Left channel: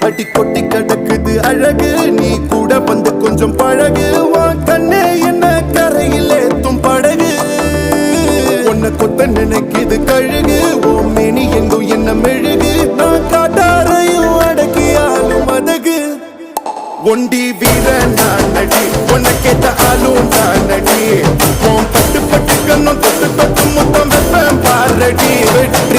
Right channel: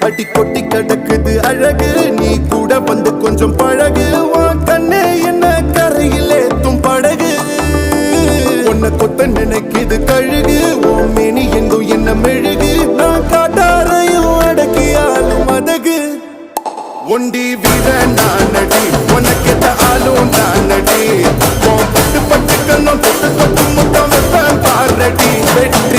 அடி கொட்டி கிடக்குது அழகு நீ கூட வந்து கொஞ்சம் பழகு உன் கண்ணே என்ன கரையில் ஏத்தும் படகு உன்னை கொத்த நினைக்குது கழுகு உன் மேனி எங்கும் என்ன மெழுகு நான் காட்டாரையும் அடக்கியாலும் அதகு ஒண்டி வீட நான் நடி உனக்கேத்த ஆளும் நான் நடி உன் பட்டு பட்டுக்கு முத்தம் பாரடி வெட்டி